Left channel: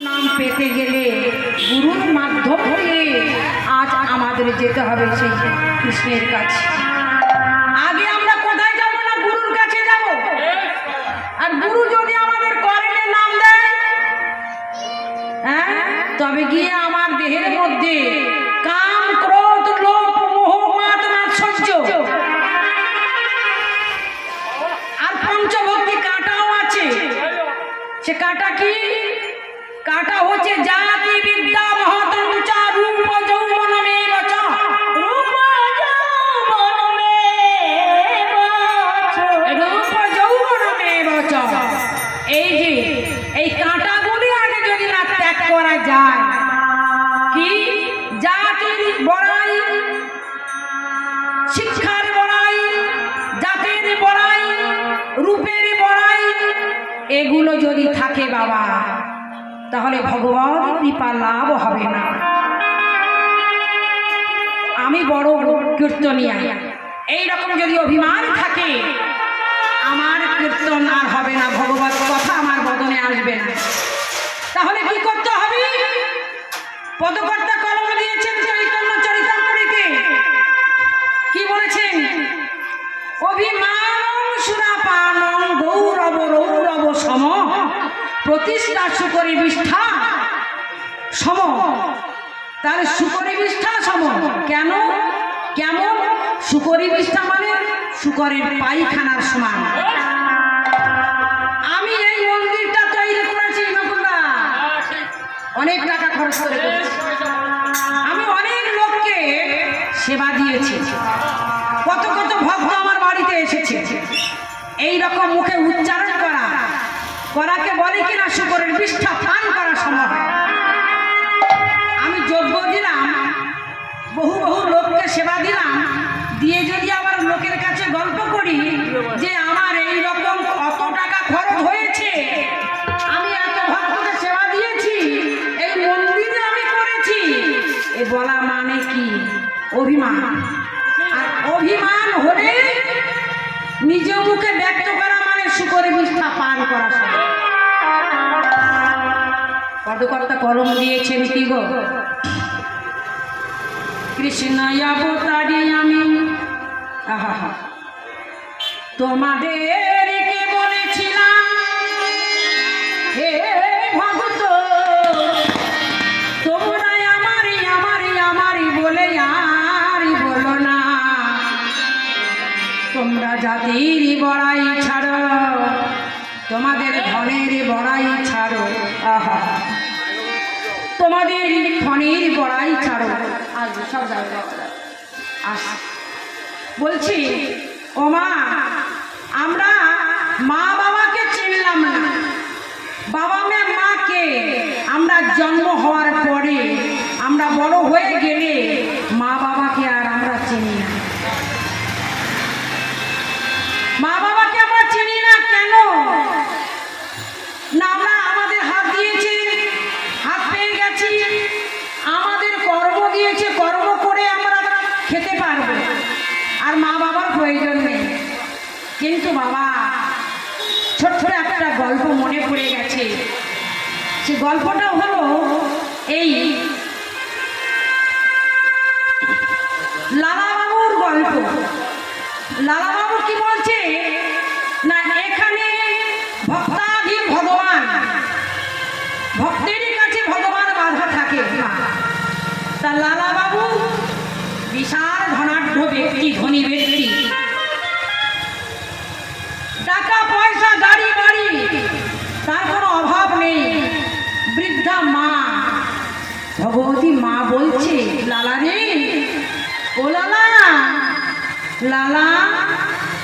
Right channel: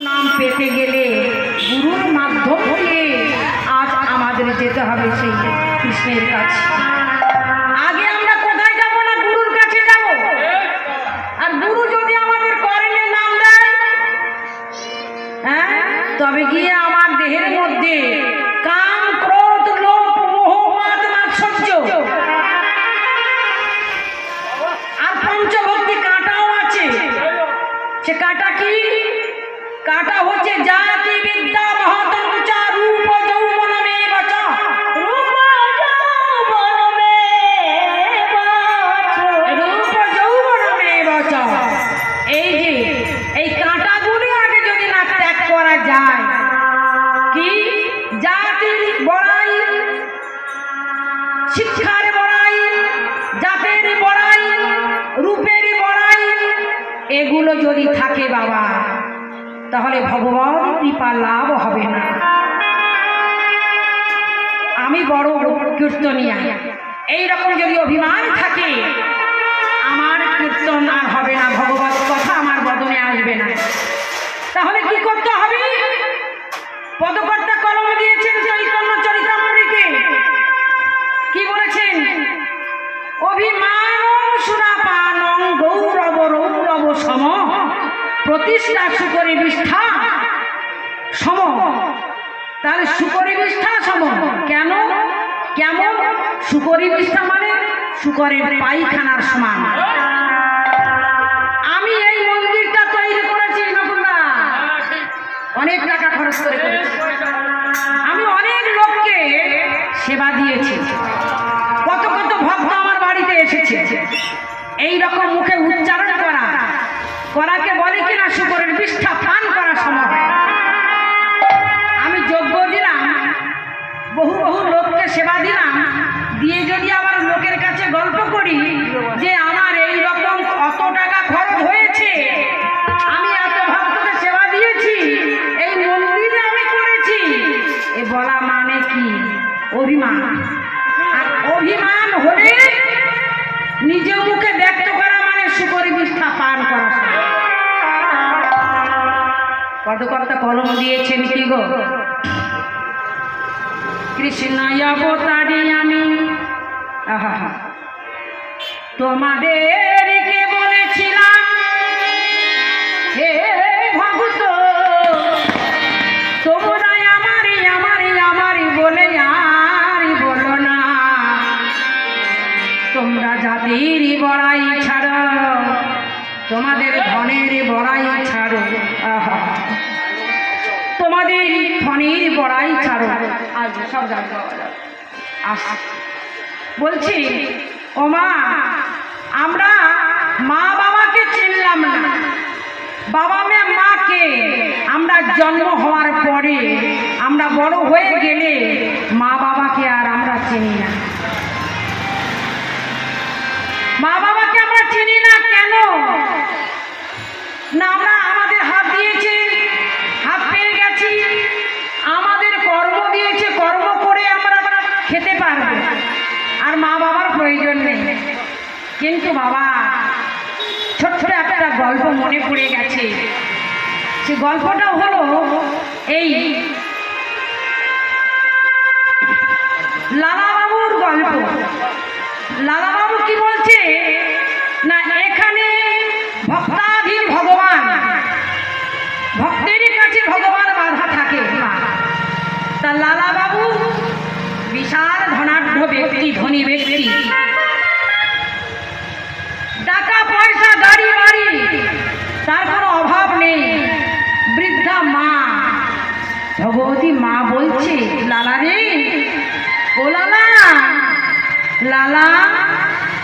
নাম পেতে গেলে গুরুর মাধ্যম দিয়ে আজ আমাদের যেতে হবে সেই কৃষ্ণের কাছে। আগে আমরা কোথায় যাব না, গুরুর কাছে যাব। আর গুরু যদি আমাদের কর্ণে নাম দেয়, হ্যাঁ, তবে গিয়ে আমার দেহের মধ্যে কাম, ক্রোধ, লোভ, মোহ, মাদ, মাৎসর্য আর পঞ্চভক্তি কাঁটাও আছে। সে কাঁটা কি? কাটা হচ্ছে জাতি বিদ্যা মহতঞ্চা রূপ যৌবনমে বচ, রূপ যৌবনমে বচ। এই যে এই কাঁটাগুলি আগে যদি না ত্যাগ করা যায়, কি জাতির বড়াই, শিক্ষার বড়াই, জাতের বড়াই, রূপের বড়াই, এগুলো যদি থাকে বাবা, তাহলে ভগবান কৃপা লাভ হবে না। আমি বড় কীর্তনিয়া, এইরকম যদি অভিমান থাকে, আমার কীর্তন আর হবে না, ভগবত কথা আমার বদনে আসবে না। তাহলে কি করতে হবে? পদকর্তা কলম দিয়েছেন চৈতন্য চরিতামৃতে, কি বলেছেন? অভিমানং সুরাপানং গৌরব রৌরব সম, প্রতিষ্ঠা শুকরি বিষ্ঠা সম। তার শুকরি বিষ্ঠা সম কেন? কেমন? শুকরি বিষ্ঠা মানে শুকরের পায়খানার সমান। আমি এই মন্দিরটা তৈরি করেছি নকুলদা, অনেক টাকা খরচ করে করেছি। আমি অনেক লোককে সেবা দিয়েছি, কত কত ভক্ত আমার বাড়িতে এসেছে। এই রকম মুখে উচ্চারণ করাকে বলে কিনা শুকরের বিষ্ঠা পান করা সম্ভব। আমি যজ্ঞ দিলাম, বহু বহু লোককে সেবা দিলাম, দিয়ে যদি আবার লোকের কাছে গল্প করি যে আমার এই রকম কত টাকা খরচ হয়েছে, আমি এত ভক্তকে সেবা দিয়েছি, এই মন্দিরে আমি করেছি, এ বলা মানে কি? অভিমান। আর অভিমান হলে নিজে মুখে ব্যক্ত করা মানে শুকরের বিষ্ঠা পান করা। পদকর্তা কলম দিয়েছেন কি গো? কৃষ্ণ অবতারে আমি তোমাদেরকে বলেছিলাম, হে ভক্ত তোমরা আমারি আমারি আমারি বলে আর বলো না। তোমরা জাতির বড়াই ছাড়ো, তোমাদের ধনের বড়াই ছাড়ো, তোমাদের ধনের বড়াই ছাড়ো। আজ সব বলছি, ও মা, আমরা মা বাবাকে চিনলাম না। বাবা মাকে আমরা জন্ম হওয়ার পরে, আমরা বড় হয়ে গেলে মা বাবাকে আর আমরা চিনি না। মা বাবাকে আমরা চিনি না কেন? না, আমরা আমাদের হাত দিয়েছে, হাত পেয়ে গেছি, আমাদের কর্ম দিয়েছে, কর্ম করে আমরা খেতে পারবো, আর মা বাবার প্রয়োজন নেই। কিন্তু বাবা, ছোট্ট একটা গল্প মনে পড়ে গেছে। সে গল্পটা হলো এই লালাবাবুর গল্প। লালাবাবু কি বলছে না, এখানে ভক্তাধীন ভগবান, ভক্তের কাছে ভগবান বাধা থাকে। তা লালাবাবু বিশাল ধনাঢ্য ব্যক্তি, ধনী ব্যক্তি, টাকা পয়সা গাড়ি বাড়ি তার কোনো অভাব নেই। বৃদ্ধা মা, ভগবতী মা বলছে, লালা রে, ও লালা, লালা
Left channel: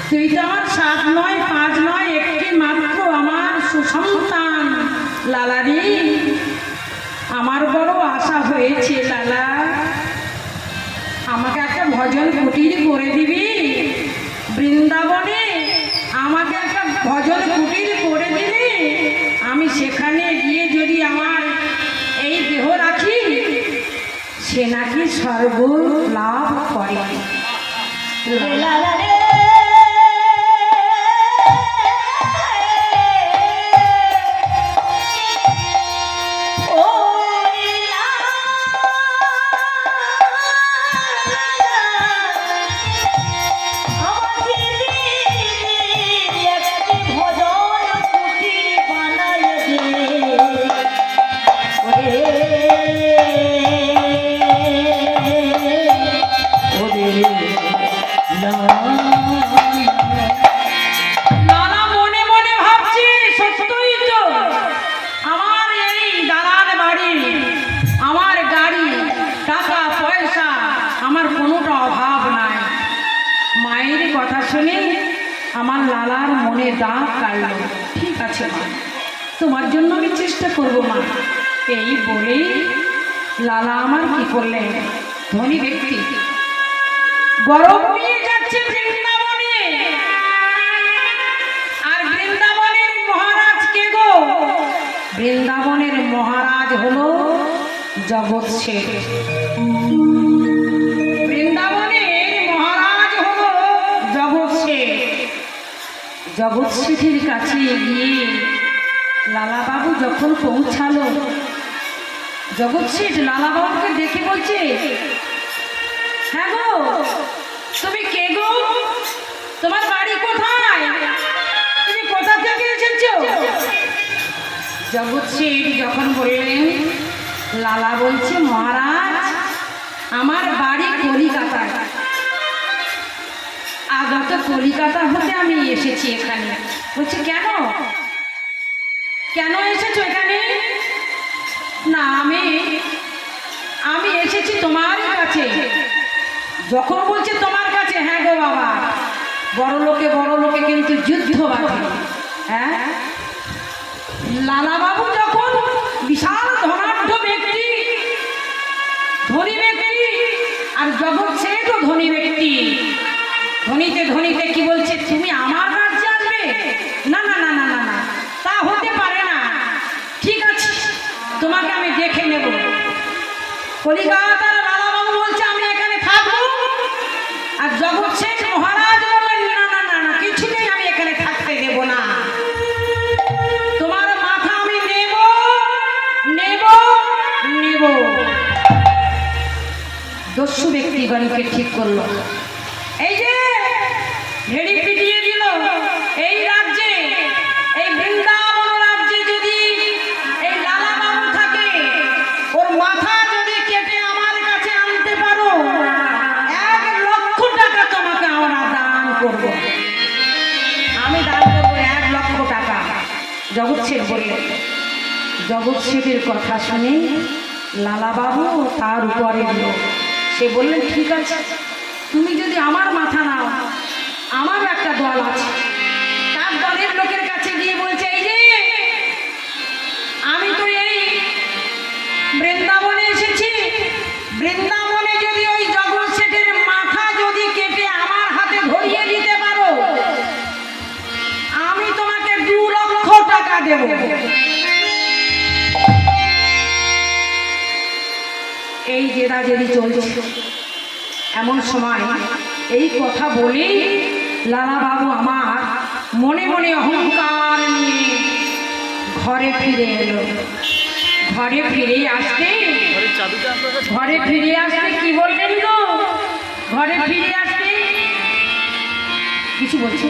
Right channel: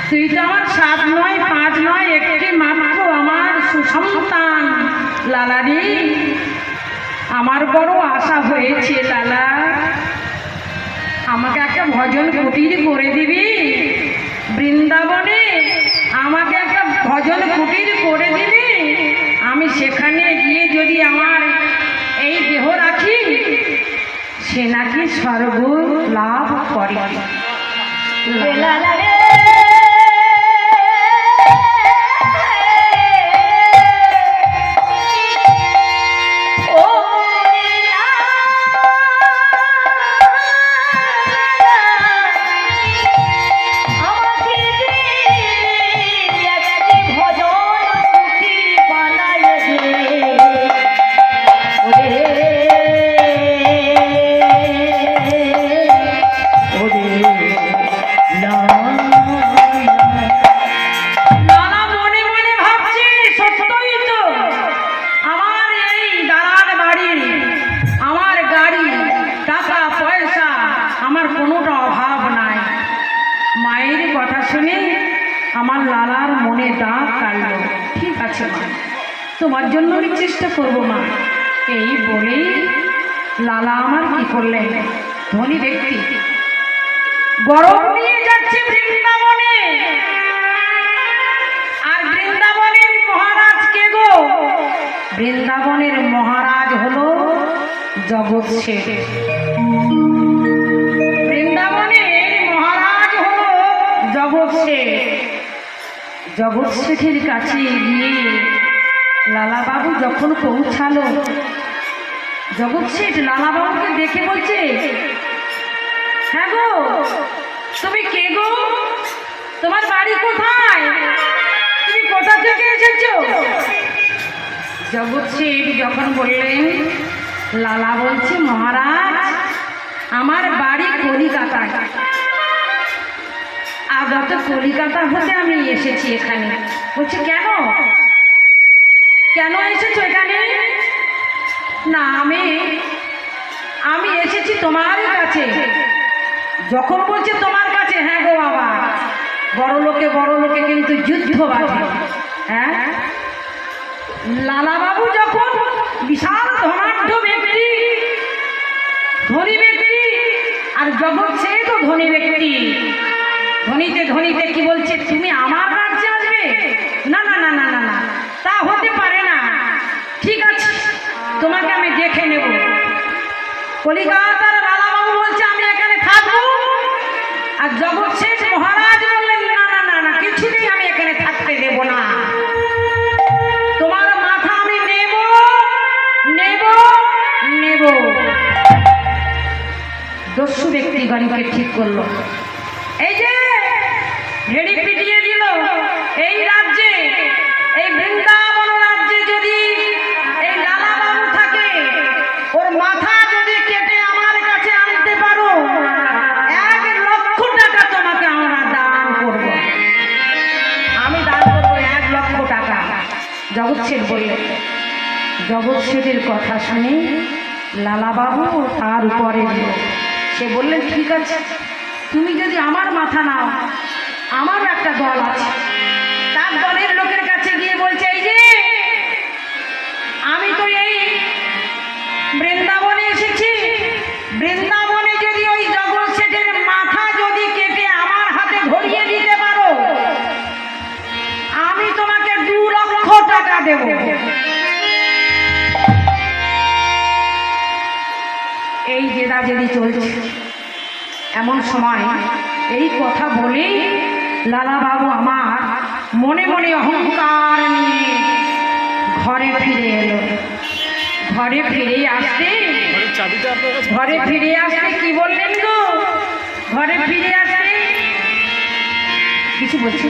তুই তো আমার 7 নয় 5 নয়, একটি মাত্র আমার সুসন্তান। লালা রে, আমার বড় আশা হয়েছে লালা, আমাকে একটা ভজন কুটির করে দিবি বৃন্দাবনে, আমাকে একটা ভজন কুটির করে দিবি, আমি সেখানে গিয়ে যদি আমার এই দেহ রাখি, সে নাকি স্বর্গ লাভ করে। ও আমার লালার মনে দাগ কাটলো। ঠিক আছে মা, তোমার জন্য আমি চেষ্টা করবো মা। এই বলেই লালা আমার কি করলেন, ধনী ব্যক্তি গরম নিয়ে যাচ্ছে বৃন্দাবনে। আর বৃন্দাবনের মহারাজ কে গো? বৃন্দাবনের মহারাজ হলো জগৎ শেঠ। বৃন্দাবনের মহারাজ হলো জগৎ শেঠ। জগৎ শেঠের কাছে গিয়ে লালা বাবু যখন পৌঁছালো, জগৎ শেঠ লালা বাবুকে দেখে বলছে, হ্যাঁ গো, তুমি কে গো? তোমার বাড়ি কোথায়? তুমি কোথা থেকে এসেছো? জগৎ শেঠ যখন বললেন, লালা বলছে, মহারাজ আমার বাড়ি কলিকাতায়। আগত কলিকাতা হতে আমি এসেছি এখানে। বলছে কেন, কেন এসেছো এখানে? না, আমি এসেছি তোমার কাছে। যখন বলছে তোমার কাছে, হ্যাঁ গো বাবা, বড় লোকে কিন্তু যুদ্ধ বাঁধে। হ্যাঁ, লালা বাবু যখন বিশাল ধনাঢ্য ব্যক্তি, ধনী ব্যক্তি, আর জগৎ শেঠও ধনী ব্যক্তি। ধনীতে কি বলছে, তুমি আমার রাজ্যে আসবে? না না না না না না, তা হতে পারে না। ঠিক আছে, তোমাকে আমি দেখে নেব। কলিকাতার লালা বাবু বলছে আমি এখানে থাকবো, আর জগৎ শেঠ মহারাজ বললেন না না না না, কিছুতেই আমি এখানে থাকতে দেব না। তোমার মাথা আমি নেব নেব নেব। দস্যু ব্যক্তিগণকে ঠিক করলো, এই যে ভেড়ি পিটিয়ে দিল এই রাজ্যে, এই বৃন্দাবন রাজ্যে যদি এই লালা বাবু থাকে, ওর মাথা যদি কেটে আমার কাছে আনতে পারো, 1,00,000 টাকা তোমাকে আমরা দান করব। আমি দান করবো 1,00,000 টাকা। জগৎ শেঠ বললেন। জগৎ শেঠের কথা শুনে লালা বাবু তার উপরে দিল। সে বললেন, ঠিক আছে, তুমি যদি আমার মাথা নাও, আমার একটা দল আছে। তার দলের লোকের কাছে গিয়ে বলছে, এই যে আমি তো এই বৃন্দাবনে এসেছি, বৃন্দাবনে যদি ওই জগৎ শেঠের মাথা যদি কেটে আমার হাতে ধরিয়ে দিতে পারো, আমি তোমাকে 2,00,000 টাকা দেব। এই জেদাজেদি চলছে। এমন সময় এই কথা বলে লালা বাবু আমার মনে মনে অহংকার নিয়ে ঘরে ফিরে এলো। ঘরে ফিরে আসতে কি বললেন গো? ঘরে ফিরে আসতে কিছু বলছে,